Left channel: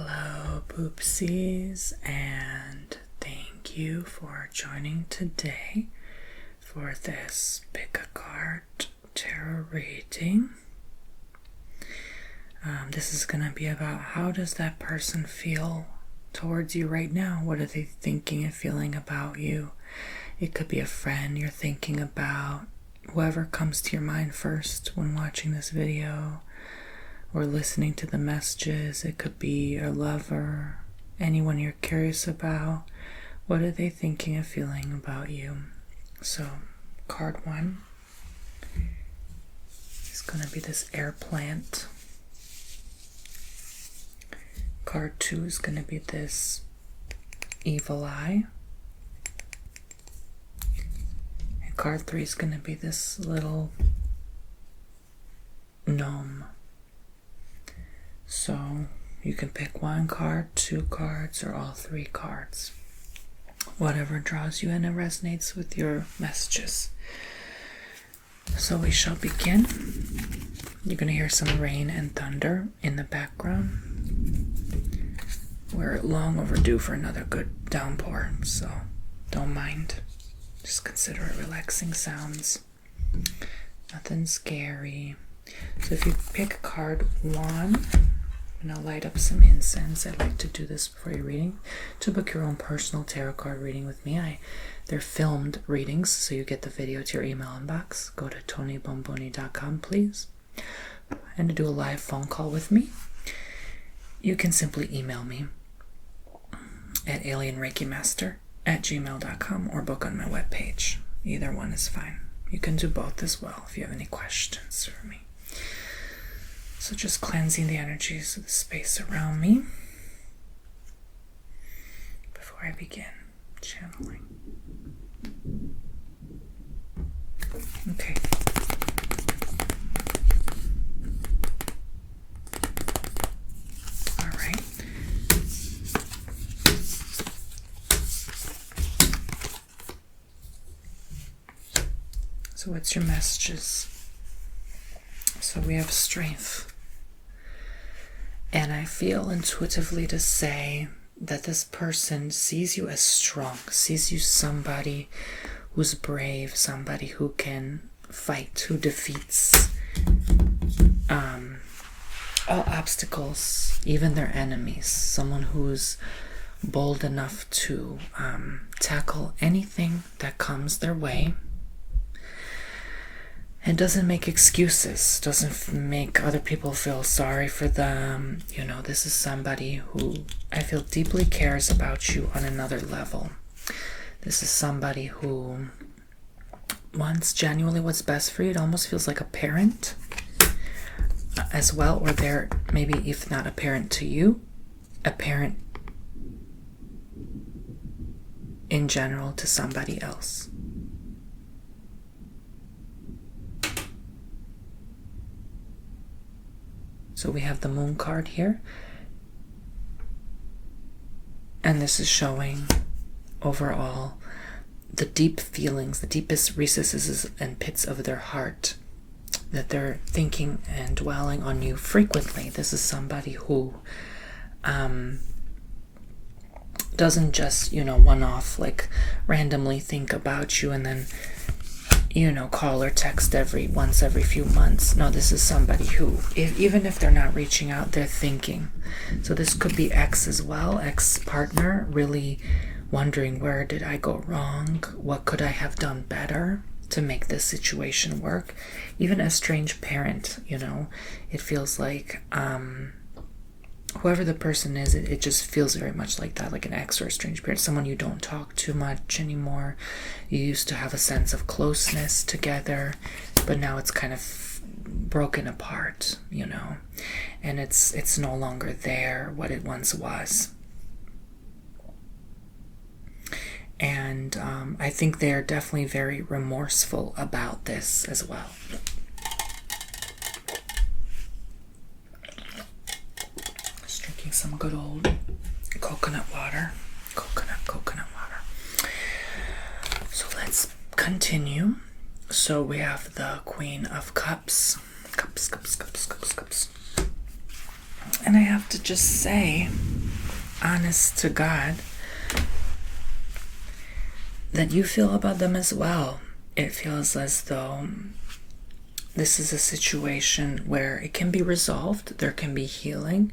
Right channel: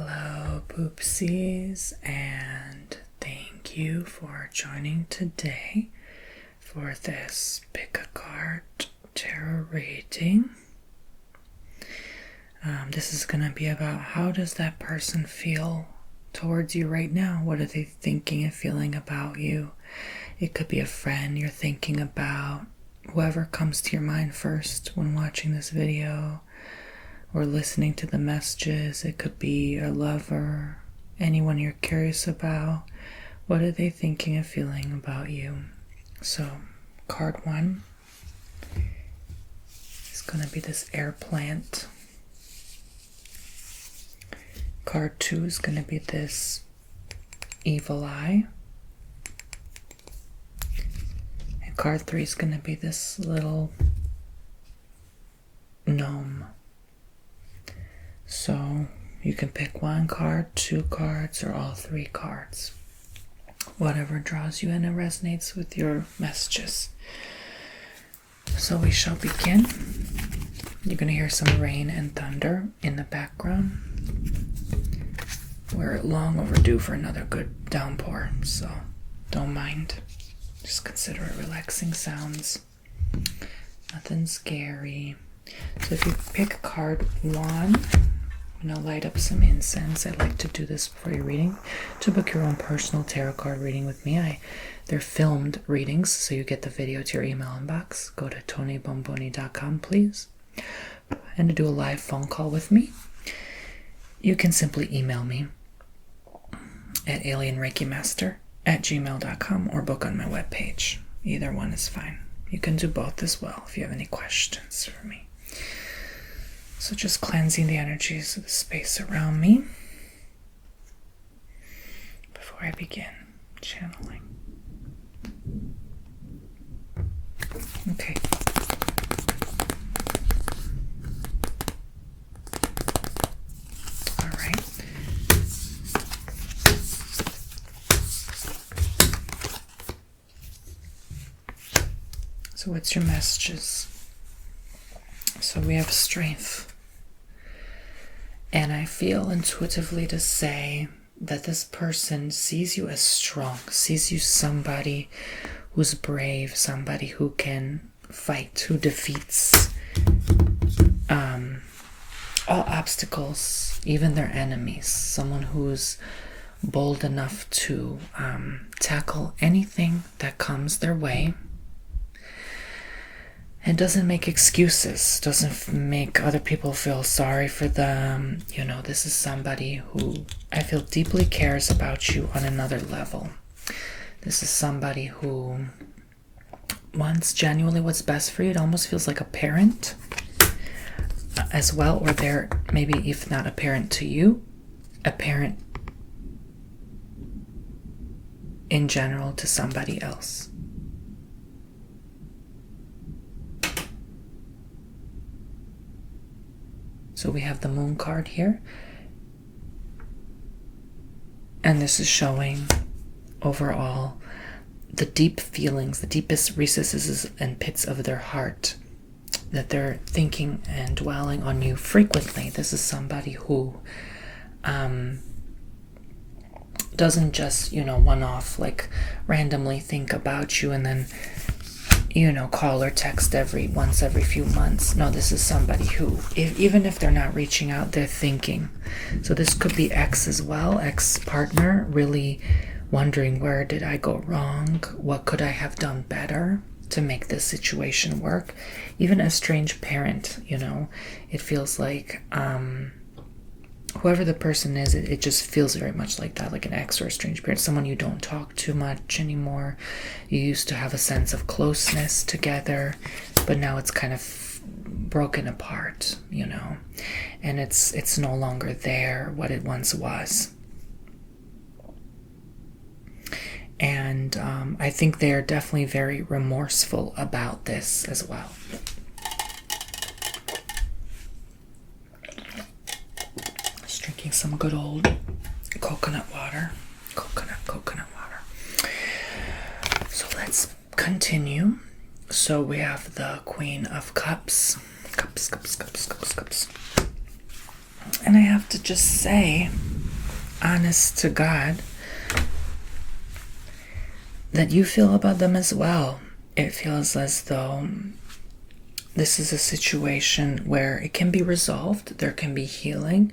Hello, poopsies, and thank you for joining today for this pick a card tarot reading. This is going to be about how does that person feel towards you right now? What are they thinking and feeling about you? It could be a friend you're thinking about, whoever comes to your mind first when watching this video or listening to the messages. It could be a lover, anyone you're curious about. What are they thinking and feeling about you? So, card 1 is going to be this air plant. Card 2 is going to be this evil eye. And card 3 is going to be this little gnome. So you can pick 1 card, 2 cards, or all 3 cards. Whatever draws you in and resonates with your messages. So we shall begin. You're going to hear some rain and thunder in the background. We're long overdue for another good downpour, so don't mind. Just consider it relaxing sounds. Nothing scary. So if you pick card 1, I'm going to light up some incense. I like to do this before your reading. To book your own personal tarot card reading with me, they're filmed readings, so you get the video to your email inbox. Go to tonybomboni.com, please. And to do a live phone call with me, you can simply email me at alienreikimaster@gmail.com or book on my webpage. Either one is fine. You can do both as well if you have any questions for me. So just cleansing the energies of the space around me before I begin channeling. Okay. All right. So what's your messages? So we have strength. And I feel intuitively to say that this person sees you as strong, sees you somebody who's brave, somebody who can fight, who defeats all obstacles, even their enemies, someone who's bold enough to tackle anything that comes their way. And doesn't make excuses, doesn't make other people feel sorry for them. You know, this is somebody who I feel deeply cares about you on another level. This is somebody who wants genuinely what's best for you. It almost feels like a parent as well, or they're maybe, if not a parent to you, a parent in general to somebody else. So we have the moon card here. And this is showing overall the deep feelings, the deepest recesses and pits of their heart that they're thinking and dwelling on you frequently. This is somebody who doesn't just, one-off, like randomly think about you and then call or text once every few months. No, this is somebody who, even if they're not reaching out, they're thinking. So this could be ex as well, ex-partner, really wondering, where did I go wrong? What could I have done better to make this situation work? Even a strange parent, it feels like whoever the person is, it just feels very much like that, like an ex or a strange parent, someone you don't talk too much anymore. You used to have a sense of closeness together, but now it's kind of broken apart, and it's no longer there what it once was. And I think they're definitely very remorseful about this as well. Drinking some good old coconut water. Coconut water. So let's continue. So we have the Queen of Cups. Cups. And I have to just say, honest to God that you feel about them as well. It feels as though this is a situation where it can be resolved, there can be healing.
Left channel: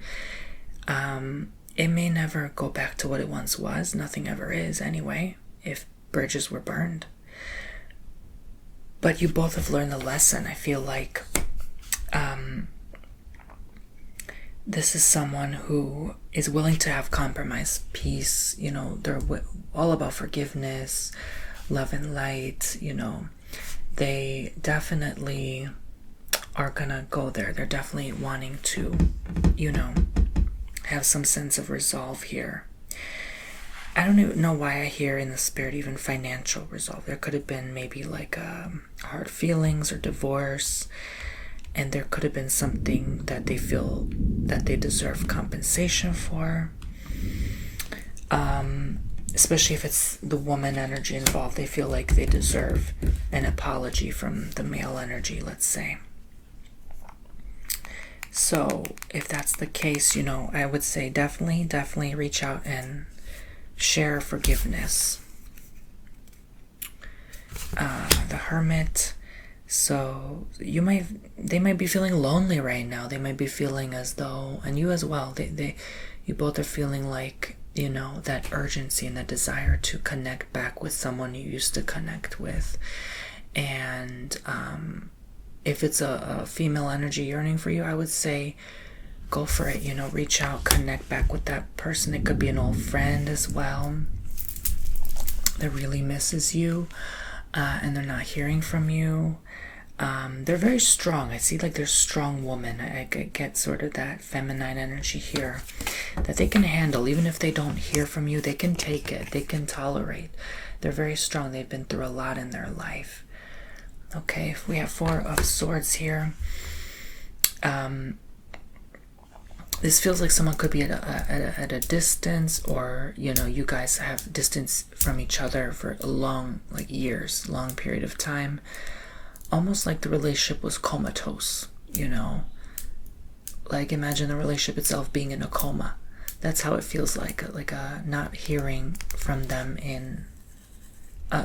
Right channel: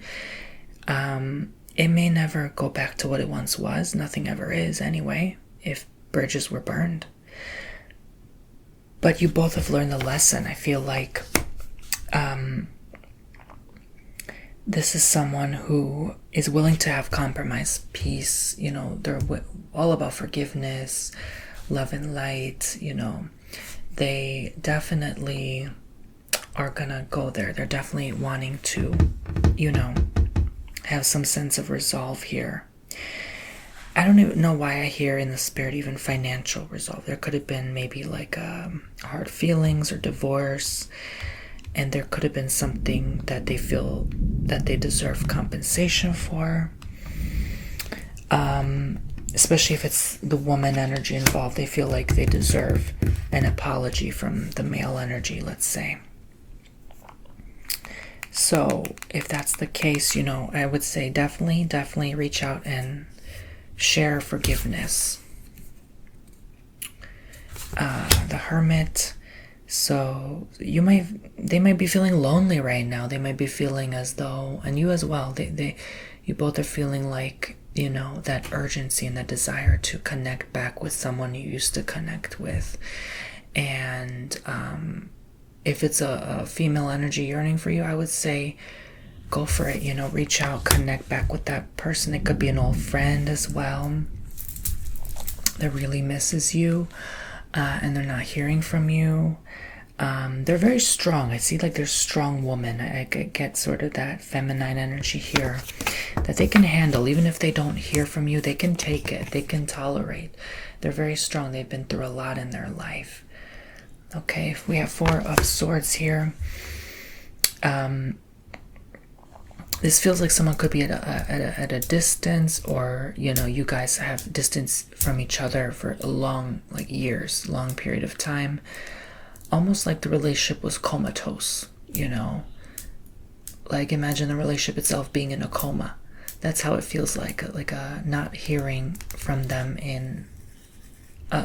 It may never go back to what it once was. Nothing ever is anyway, if bridges were burned. But you both have learned the lesson. I feel like this is someone who is willing to have compromise, peace. You know, they're all about forgiveness, love and light. You know, they definitely are gonna go there. They're definitely wanting to, you know, have some sense of resolve here. I don't even know why I hear in the spirit even financial resolve. There could have been maybe like hard feelings or divorce, and there could have been something that they feel that they deserve compensation for. Especially if it's the woman energy involved, they feel like they deserve an apology from the male energy, let's say. So if that's the case, you know, I would say definitely reach out and share forgiveness. The Hermit. So they might be feeling lonely right now. They might be feeling as though, and you as well, you both are feeling like, you know, that urgency and that desire to connect back with someone you used to connect with. And if it's a female energy yearning for you, I would say go for it. You know, reach out, connect back with that person. It could be an old friend as well that really misses you, and they're not hearing from you. They're very strong. I see like they're strong woman. I get sort of that feminine energy here that they can handle. Even if they don't hear from you, they can take it. They can tolerate. They're very strong. They've been through a lot in their life. Okay, if we have 4 of Swords here, this feels like someone could be at a distance, or, you know, you guys have distance from each other for a long, like years, long period of time. Almost like the relationship was comatose, you know. Like imagine the relationship itself being in a coma. That's how it feels like not hearing from them in,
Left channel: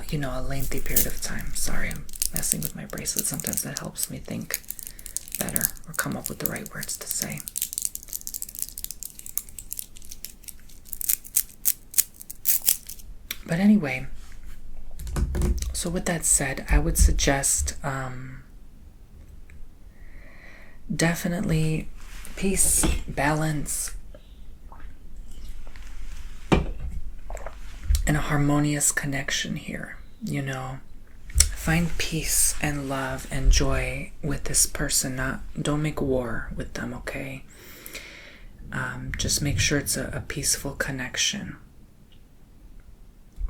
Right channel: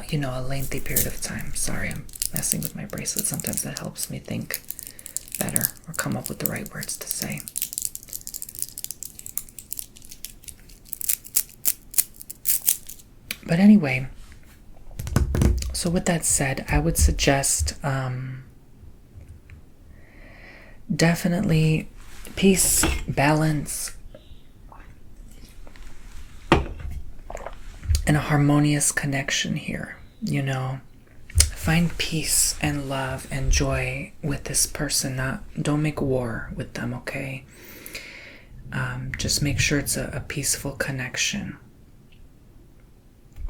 you know, a lengthy period of time. Sorry, I'm messing with my bracelet. Sometimes that helps me think better or come up with the right words to say. But anyway, so with that said, I would suggest definitely peace, balance, and a harmonious connection here. You know, find peace and love and joy with this person. Don't make war with them, okay? Just make sure it's a peaceful connection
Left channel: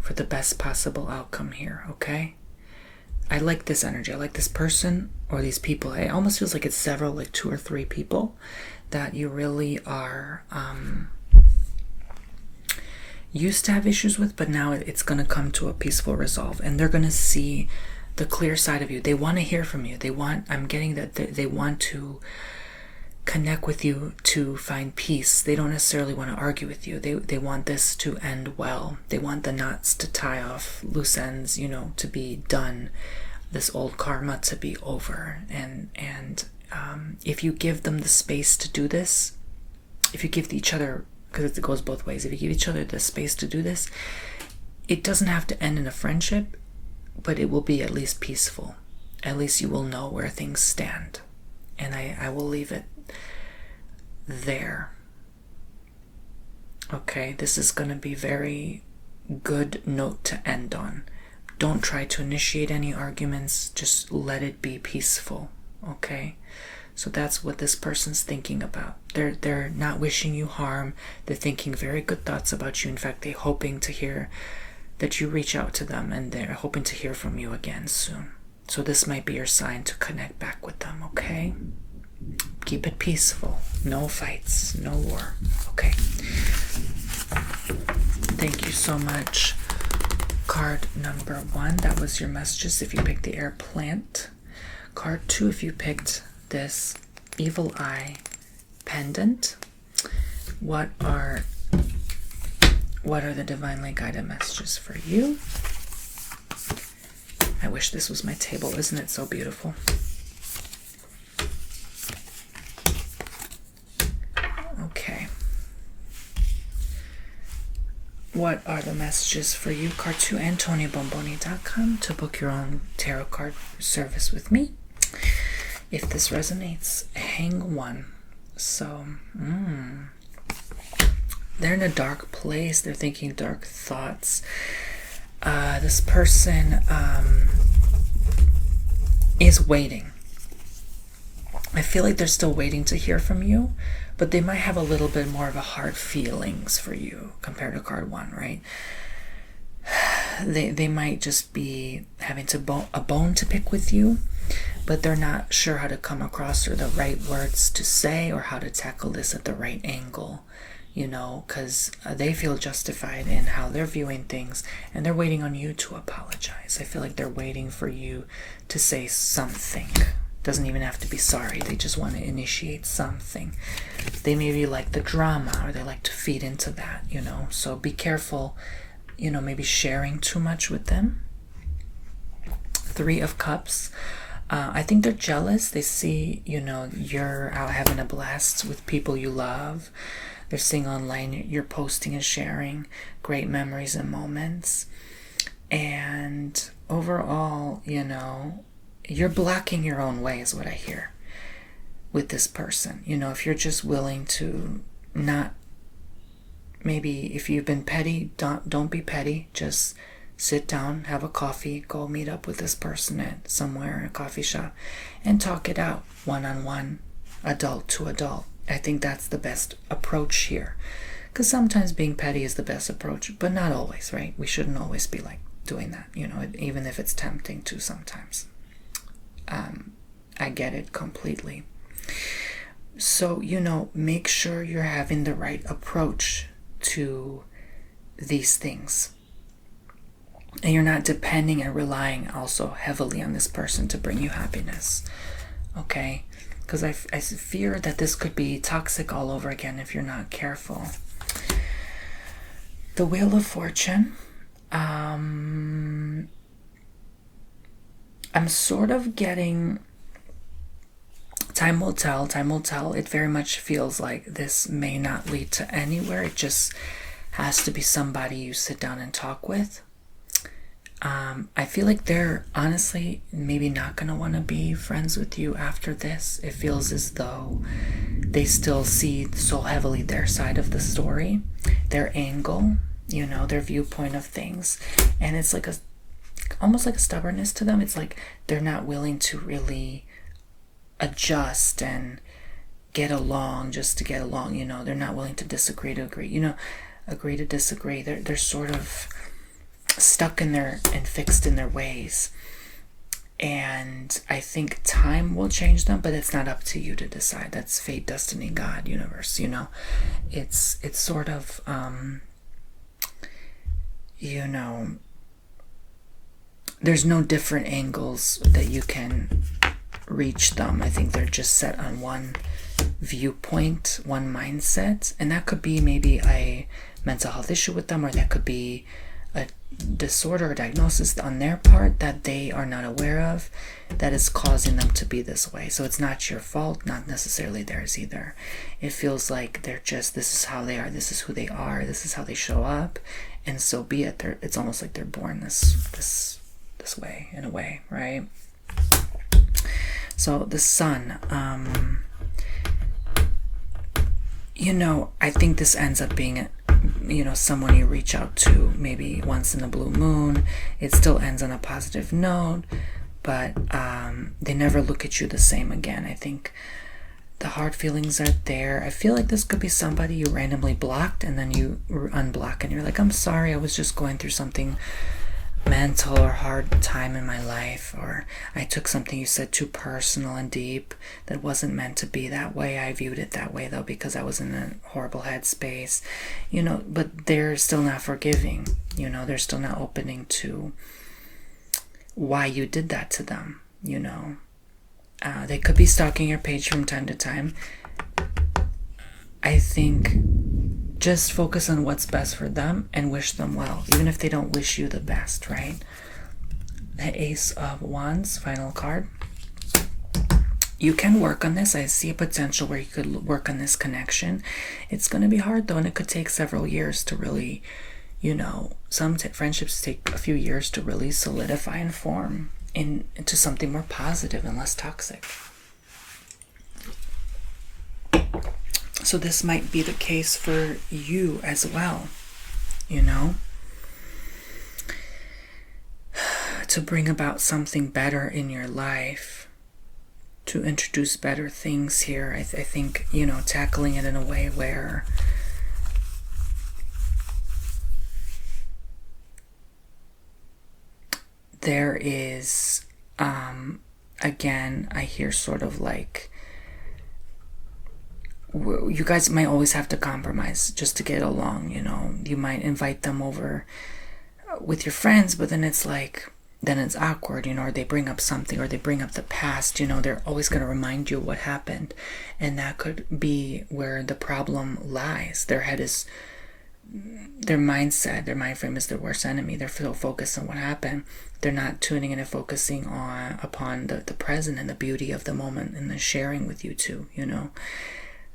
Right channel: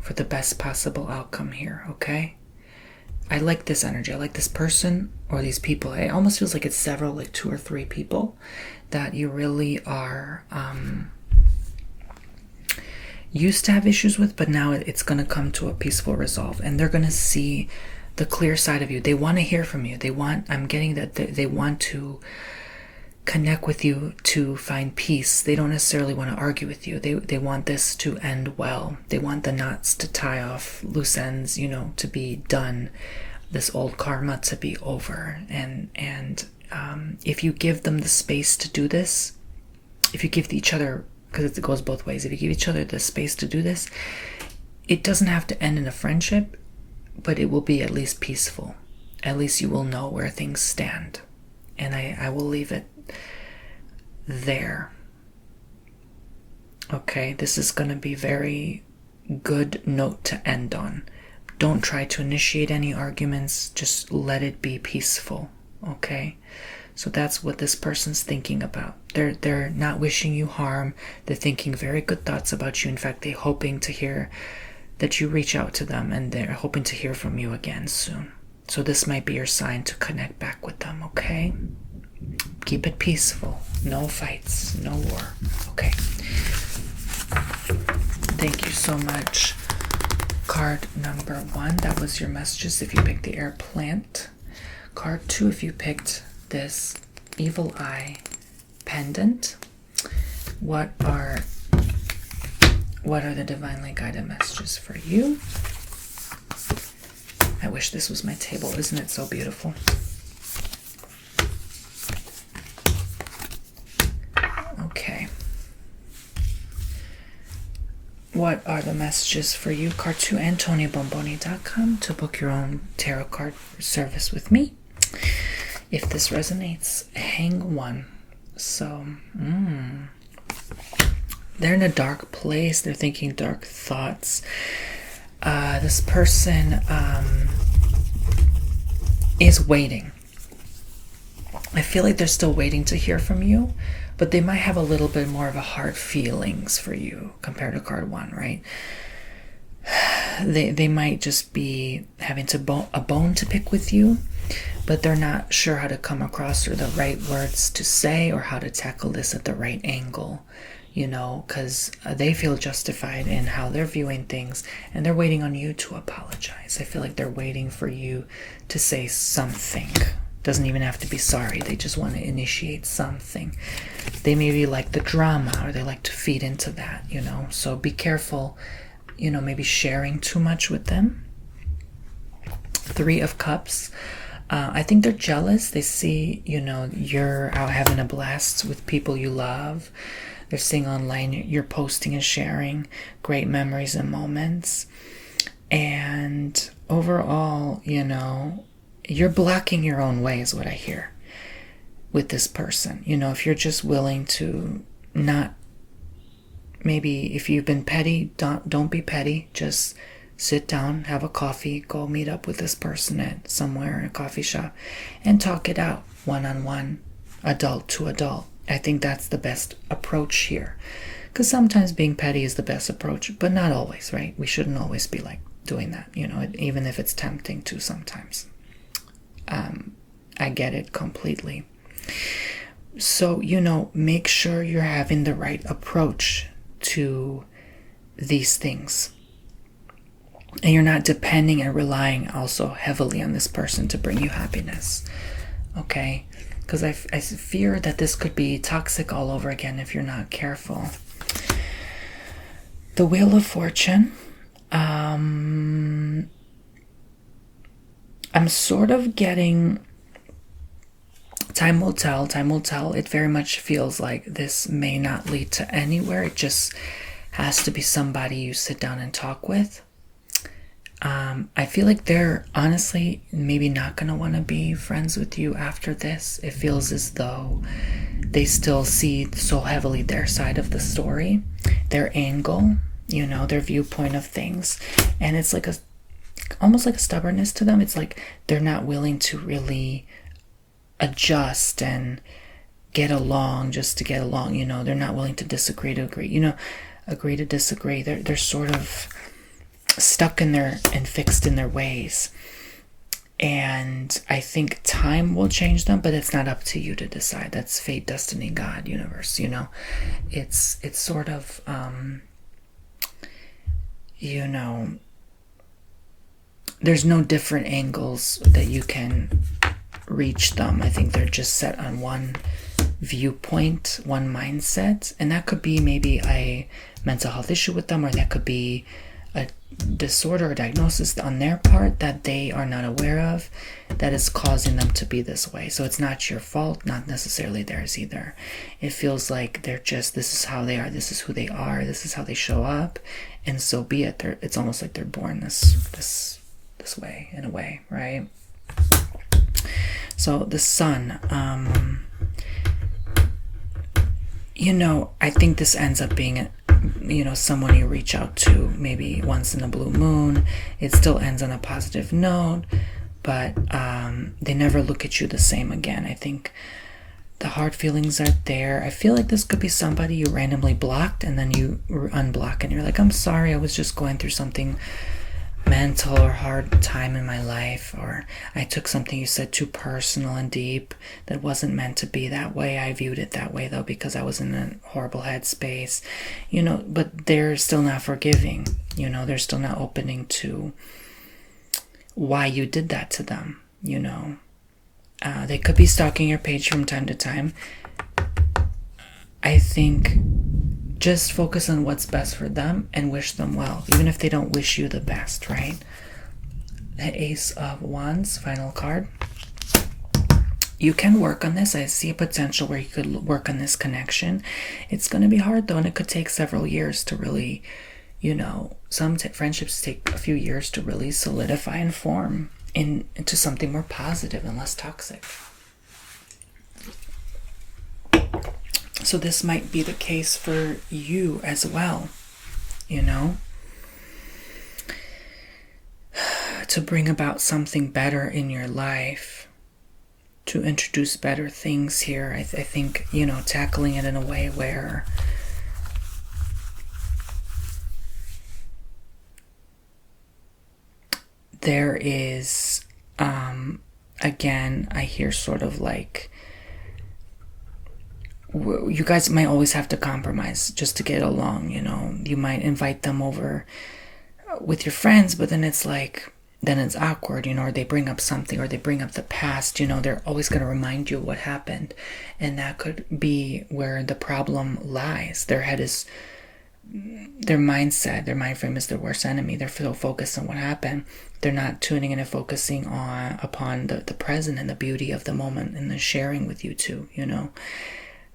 for the best possible outcome here, okay? I like this energy. I like this person or these people. It almost feels like it's several, like 2 or 3 people that you really are used to have issues with, but now it's going to come to a peaceful resolve, and they're going to see the clear side of you. They want to hear from you. I'm getting that they want to connect with you to find peace. They don't necessarily want to argue with you. They want this to end well. They want the knots to tie off, loose ends, you know, to be done, this old karma to be over. And if you give them the space to do this, if you give each other, because it goes both ways, if you give each other the space to do this, it doesn't have to end in a friendship, but it will be at least peaceful. At least you will know where things stand. And I will leave it there. Okay, this is going to be very good note to end on. Don't try to initiate any arguments. Just let it be peaceful. Okay, so that's what this person's thinking about. They're not wishing you harm. They're thinking very good thoughts about you. In fact, they're hoping to hear that you reach out to them, and they're hoping to hear from you again soon. So this might be your sign to connect back with them, okay? Keep it peaceful. No fights, no war. Okay. Thank you so much. Card number 1, that was your messages if you picked the air plant. Card 2, if you picked this evil eye pendant. What are What are the divinely guided messages for you? I wish this was my table. Isn't it so beautiful? Okay. What are the messages for you? Card to AntonioBomboni.com to book your own tarot card service with me. If this resonates, hang one. So, they're in a dark place. They're thinking dark thoughts. This person is waiting. I feel like they're still waiting to hear from you, but they might have a little bit more of a hard feelings for you compared to card 1, right? They might just be having a bone to pick with you, but they're not sure how to come across or the right words to say or how to tackle this at the right angle, you know, because they feel justified in how they're viewing things, and they're waiting on you to apologize. I feel like they're waiting for you to say something. Doesn't even have to be sorry. They just want to initiate something. They maybe like the drama, or they like to feed into that, you know. So be careful, you know, maybe sharing too much with them. 3 of Cups. I think they're jealous. They see, you know, you're out having a blast with people you love. They're seeing online you're posting and sharing great memories and moments. And overall, you know, you're blocking your own way is what I hear with this person. You know, if you're just willing to not, maybe if you've been petty, don't be petty. Just sit down, have a coffee, go meet up with this person at somewhere in a coffee shop and talk it out one-on-one, adult to adult. I think that's the best approach here, because sometimes being petty is the best approach, but not always, right? We shouldn't always be like doing that, you know, even if it's tempting to sometimes. I get it completely. So, you know, make sure you're having the right approach to these things. And you're not depending and relying also heavily on this person to bring you happiness. Okay? Because I fear that this could be toxic all over again if you're not careful. The Wheel of Fortune. I'm sort of getting... Time will tell. Time will tell. It very much feels like this may not lead to anywhere. It just has to be somebody you sit down and talk with. I feel like they're honestly maybe not going to want to be friends with you after this. It feels as though they still see so heavily their side of the story, their angle, you know, their viewpoint of things. And it's like almost like a stubbornness to them. It's like they're not willing to really adjust and get along just to get along, you know. They're not willing to disagree to agree, you know, agree to disagree. They're sort of stuck in their and fixed in their ways. And I think time will change them, but it's not up to you to decide. That's fate, destiny, God, universe, you know. It's sort of you know, there's no different angles that you can reach them. I think they're just set on one viewpoint, one mindset, and that could be maybe a mental health issue with them, or that could be a disorder or diagnosis on their part that they are not aware of that is causing them to be this way. So it's not your fault, not necessarily theirs either. It feels like they're just, this is how they are, this is who they are, this is how they show up, and so be it. It's almost like they're born this way, in a way, right? So the Sun, you know, I think this ends up being, you know, someone you reach out to maybe once in a blue moon. It still ends on a positive note, but they never look at you the same again. I think the hard feelings are there. I feel like this could be somebody you randomly blocked, and then you unblock and you're like, I'm sorry, I was just going through something mental or hard time in my life, or I took something you said too personal and deep that wasn't meant to be that way. I viewed it that way though because I was in a horrible headspace, you know. But they're still not forgiving, you know. They're still not opening to why you did that to them, you know. They could be stalking your page from time to time. I think just focus on what's best for them and wish them well, even if they don't wish you the best, right? The Ace of Wands, final card. You can work on this. I see a potential where you could work on this connection. It's going to be hard, though, and it could take several years to really, you know, some friendships take a few years to really solidify and form into something more positive and less toxic. So this might be the case for you as well, you know, to bring about something better in your life, to introduce better things here. I think, you know, tackling it in a way where there is, again, I hear sort of like, you guys might always have to compromise just to get along, you know. You might invite them over with your friends, but then it's like, then it's awkward, you know, or they bring up something, or they bring up the past, you know, they're always going to remind you of what happened. And that could be where the problem lies. Their head is, their mindset, their mind frame is their worst enemy. They're so focused on what happened. They're not tuning in and focusing upon the present and the beauty of the moment and the sharing with you too, you know.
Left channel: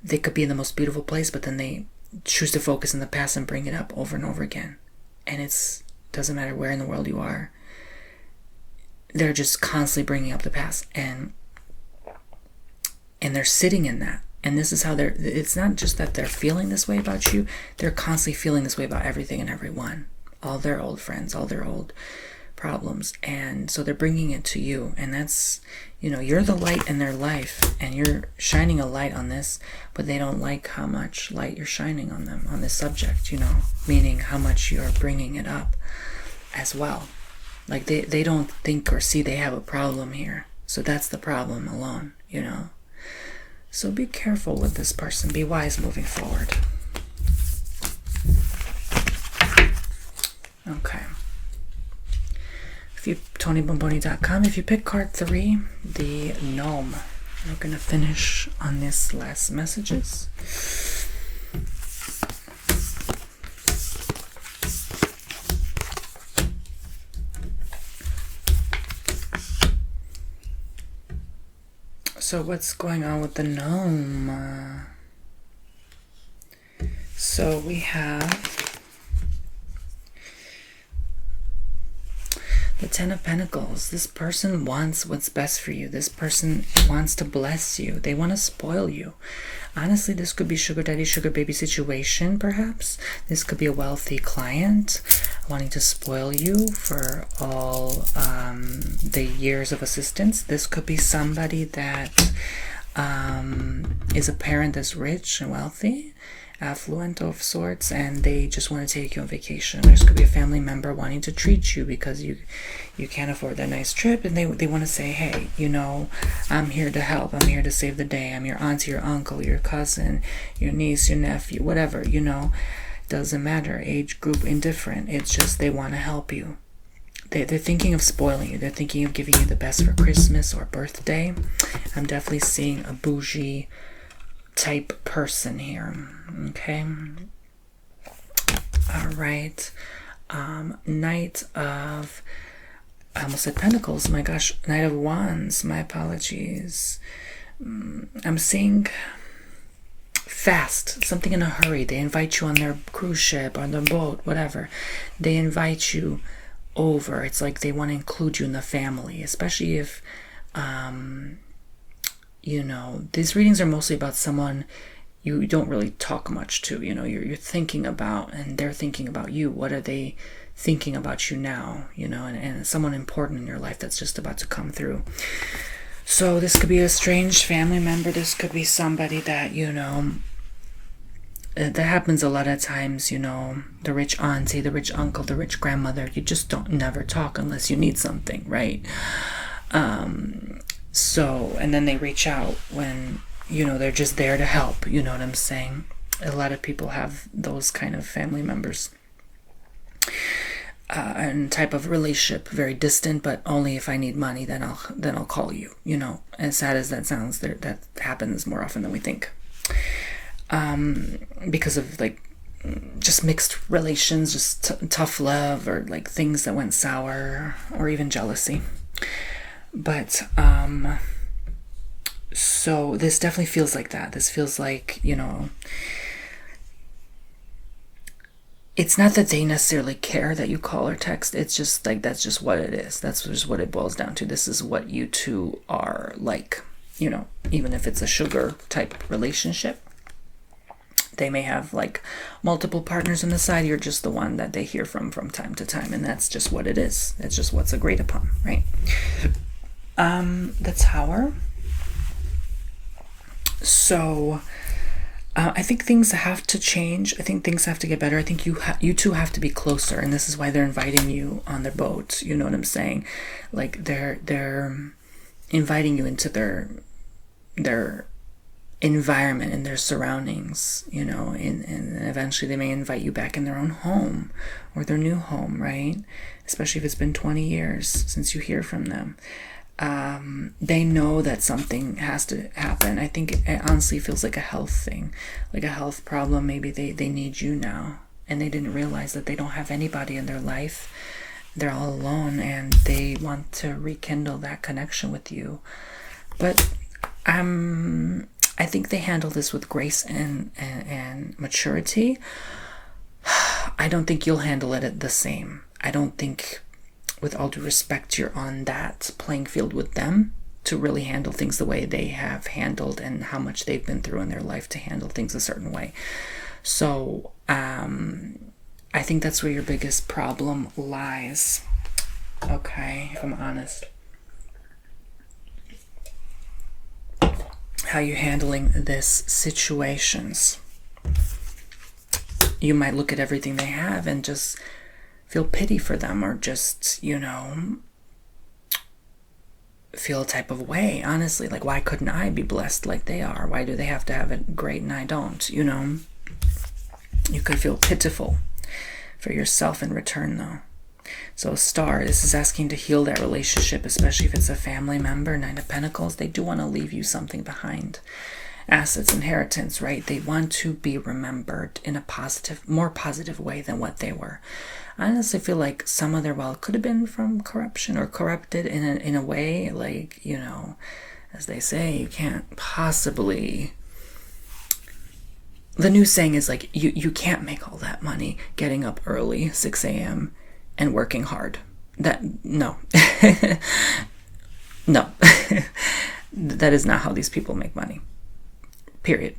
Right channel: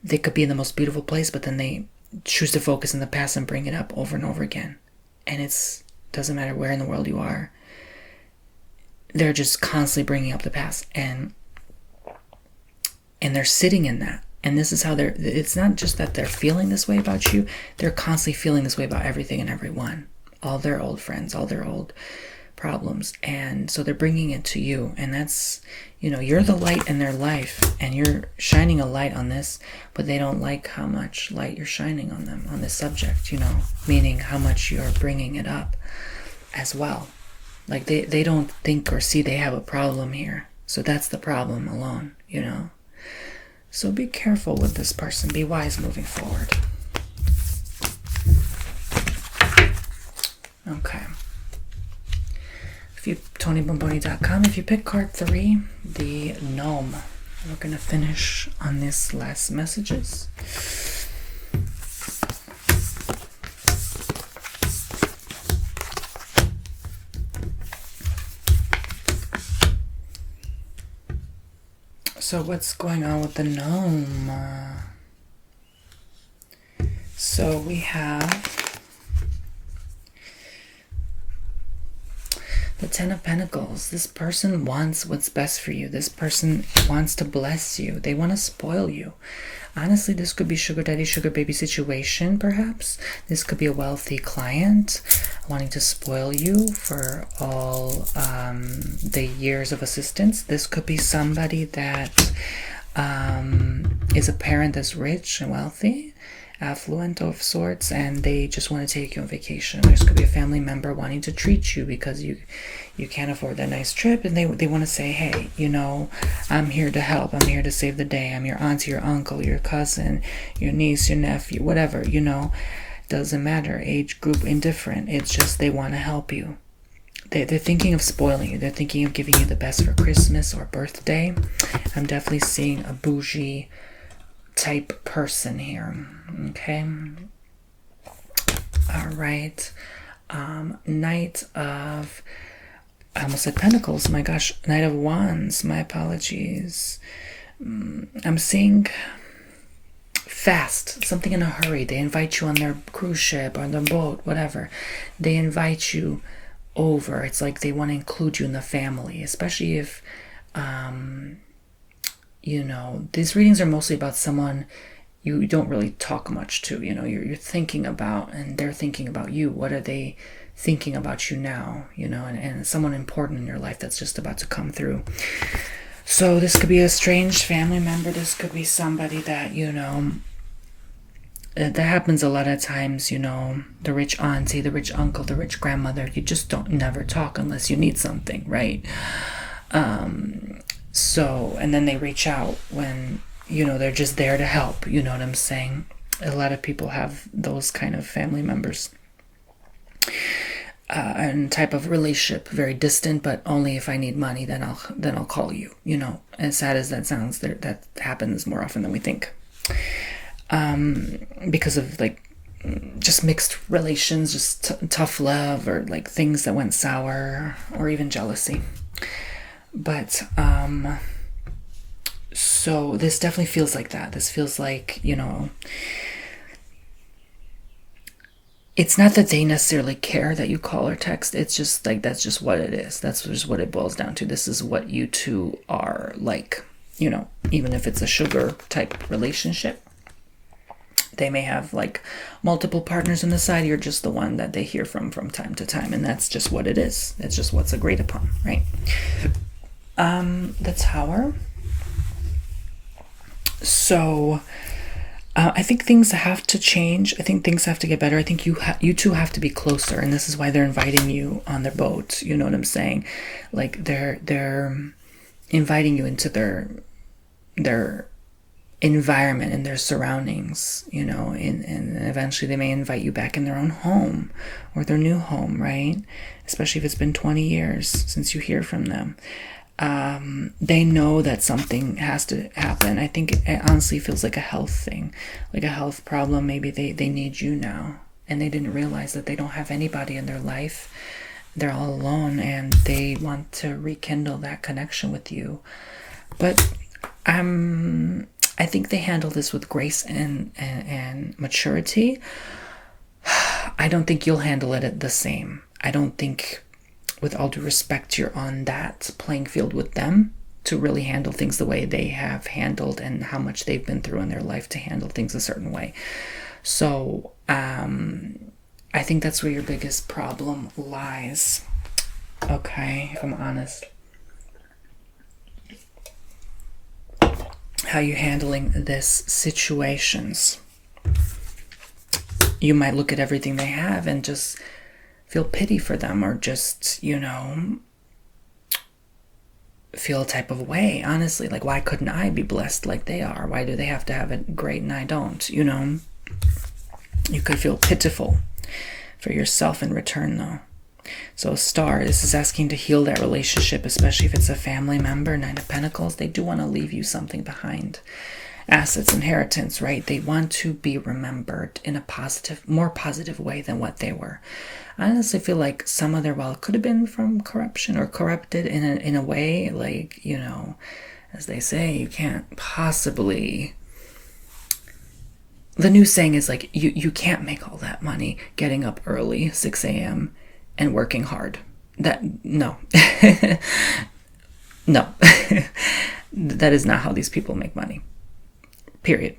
They could be in the most beautiful place, but then they choose to focus in the past and bring it up over and over again. And it doesn't matter where in the world you are. They're just constantly bringing up the past, and they're sitting in that. And this is how it's not just that they're feeling this way about you. They're constantly feeling this way about everything and everyone. All their old friends, all their old problems. And so they're bringing it to you. And that's, you know, you're the light in their life, and you're shining a light on this, but they don't like how much light you're shining on them, on this subject, you know, meaning how much you're bringing it up as well. Like they don't think or see they have a problem here. So that's the problem alone, you know. So be careful with this person. Be wise moving forward. Okay. TonyBomboni.com. If you pick card 3, the gnome. We're going to finish on this last messages. So what's going on with the gnome? So we have the Ten of Pentacles. This person wants what's best for you. This person wants to bless you. They want to spoil you. Honestly, this could be sugar daddy, sugar baby situation, perhaps. This could be a wealthy client wanting to spoil you for all the years of assistance. This could be somebody that is a parent that's rich and wealthy, affluent of sorts, and they just want to take you on vacation. This could be a family member wanting to treat you because you can't afford that nice trip, and they want to say, hey, you know, I'm here to help. I'm here to save the day. I'm your auntie, your uncle, your cousin, your niece, your nephew, whatever, you know. Doesn't matter, age group, indifferent. It's just they want to help you. They're thinking of spoiling you. They're thinking of giving you the best for Christmas or birthday. I'm definitely seeing a bougie type person here. Okay. All right. Knight of, I almost said Pentacles. My gosh. Knight of Wands. My apologies. I'm seeing fast, something in a hurry. They invite you on their cruise ship, on their boat, whatever. They invite you over. It's like they want to include you in the family, especially if, you know, these readings are mostly about someone you don't really talk much to. You know, you're thinking about, and they're thinking about you. What are they thinking about you now? You know, and someone important in your life that's just about to come through. So this could be a strange family member. This could be somebody that, you know, that happens a lot of times, you know, the rich auntie, the rich uncle, the rich grandmother. You just don't never talk unless you need something, right? So, and then they reach out when, you know, they're just there to help. You know what I'm saying? A lot of people have those kind of family members. And type of relationship, very distant, but only if I need money, then I'll call you. You know, as sad as that sounds, that happens more often than we think. Because of like just mixed relations, just tough love, or like things that went sour, or even jealousy. But so this definitely feels like that. This feels like, it's not that they necessarily care that you call or text. It's just like, that's just what it is. That's just what it boils down to. This is what you two are like, even if it's a sugar type relationship. They may have like multiple partners on the side. You're just the one that they hear from time to time. And that's just what it is. It's just what's agreed upon, right? The Tower. So I think things have to change. I think things have to get better. I think you two have to be closer, and this is why they're inviting you on their boat. You know what I'm saying? Like they're inviting you into their environment and their surroundings. And eventually they may invite you back in their own home or their new home, right? Especially if it's been 20 years since you hear from them. They know that something has to happen. I think it honestly feels like a health thing, like a health problem. Maybe they need you now, and they didn't realize that they don't have anybody in their life. They're all alone, and they want to rekindle that connection with you. But I think they handle this with grace and maturity. I don't think you'll handle it the same. I don't think, with all due respect, you're on that playing field with them to really handle things the way they have handled and how much they've been through in their life to handle things a certain way. So I think that's where your biggest problem lies. Okay, if I'm honest. How you handling this situations. You might look at everything they have and just feel pity for them, or just, feel a type of way, honestly. Like, why couldn't I be blessed like they are? Why do they have to have it great and I don't? You could feel pitiful for yourself in return, though. So Star, this is asking to heal that relationship, especially if it's a family member. Nine of Pentacles, they do want to leave you something behind. Assets, inheritance, right? They want to be remembered in a more positive way than what they were. I honestly feel like some of their wealth could have been from corruption or corrupted in a way, like, as they say, you can't possibly. The new saying is like, you can't make all that money getting up early, 6 a.m. and working hard. No. No. That is not how these people make money. Period.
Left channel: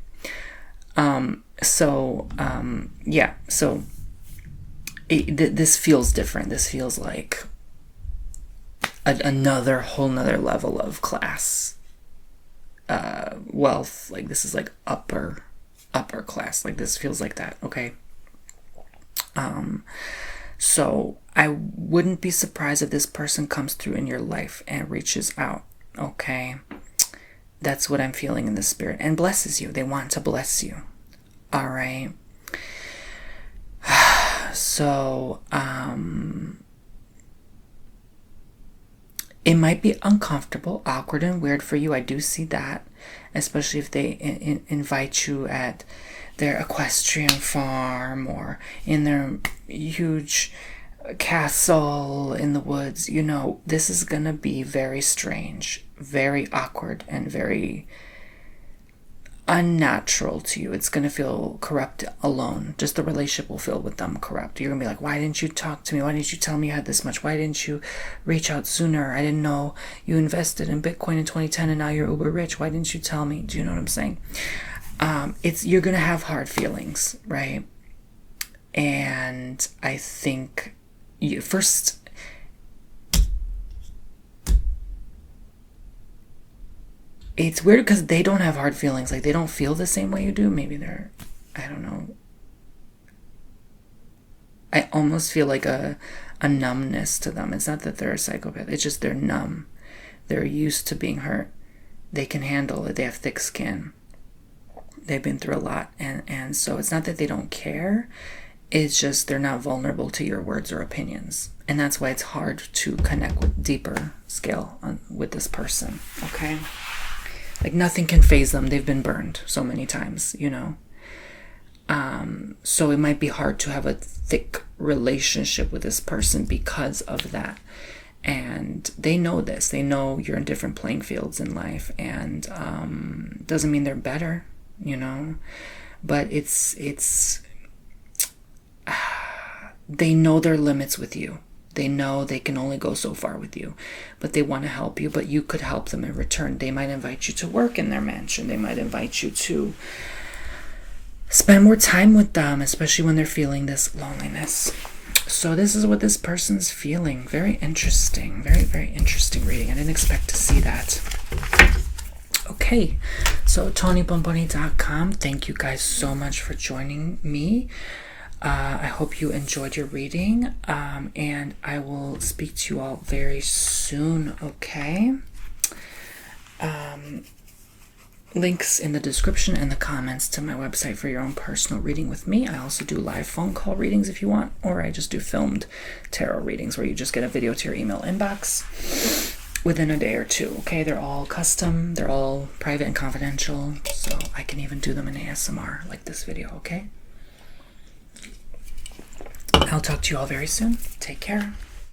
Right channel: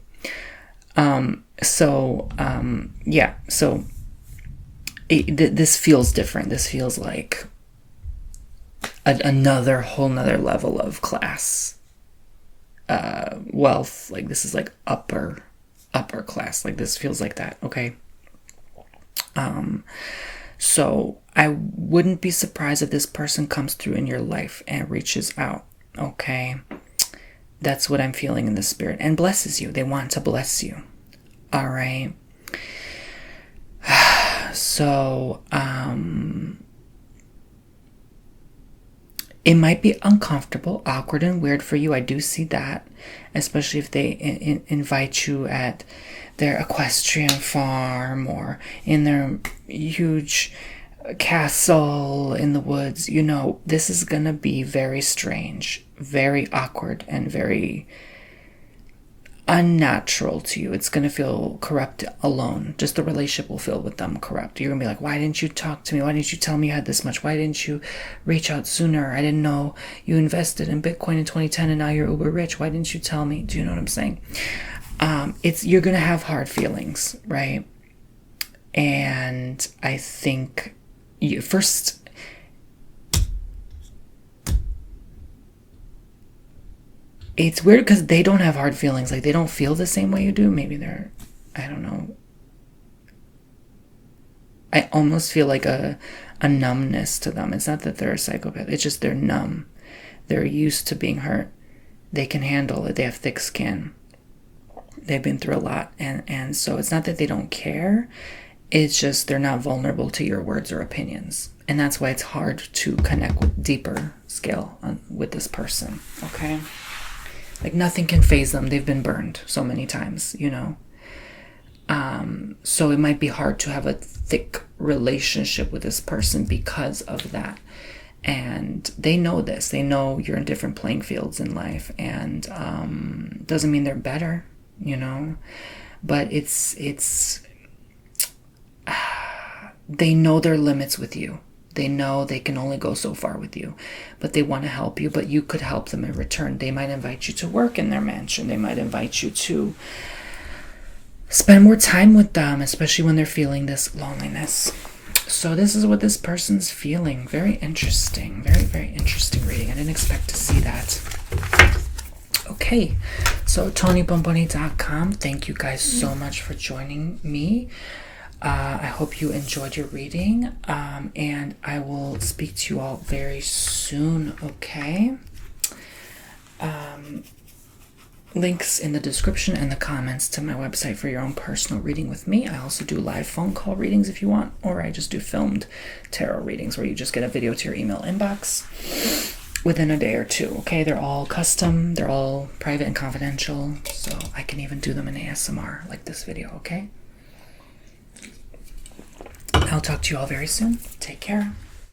So this feels different. This feels like another whole nother level of class, wealth. Like, this is like upper class. Like, this feels like that. Okay. So I wouldn't be surprised if this person comes through in your life and reaches out. Okay. That's what I'm feeling in the spirit, and blesses you. They want to bless you. All right. So, it might be uncomfortable, awkward, and weird for you. I do see that, especially if they invite you at their equestrian farm or in their huge castle in the woods. This is going to be very strange, very awkward, and very unnatural to you. It's going to feel corrupt alone. Just the relationship will feel with them corrupt. You're going to be like, why didn't you talk to me? Why didn't you tell me you had this much? Why didn't you reach out sooner? I didn't know you invested in Bitcoin in 2010 and now you're uber rich. Why didn't you tell me? Do you know what I'm saying? You're going to have hard feelings, right? And I think first, it's weird because they don't have hard feelings. Like, they don't feel the same way you do. Maybe I don't know. I almost feel like a numbness to them. It's not that they're a psychopath. It's just they're numb. They're used to being hurt. They can handle it. They have thick skin. They've been through a lot. And so it's not that they don't care. It's just they're not vulnerable to your words or opinions. And that's why it's hard to connect with deeper scale with this person. Okay? Like, nothing can faze them. They've been burned so many times, So it might be hard to have a thick relationship with this person because of that. And they know this. They know you're in different playing fields in life, and doesn't mean they're better, you know. But it's they know their limits with you. They know they can only go so far with you, but they want to help you, but you could help them in return. They might invite you to work in their mansion. They might invite you to spend more time with them, especially when they're feeling this loneliness. So this is what this person's feeling. Very interesting. Very, very interesting reading. I didn't expect to see that. Okay, so TonyBomboni.com. Thank you guys so much for joining me. I hope you enjoyed your reading, and I will speak to you all very soon, okay? Links in the description and the comments to my website for your own personal reading with me. I also do live phone call readings if you want, or I just do filmed tarot readings where you just get a video to your email inbox within a day or two, okay? They're all custom, they're all private and confidential, so I can even do them in ASMR like this video, okay? I'll talk to you all very soon. Take care.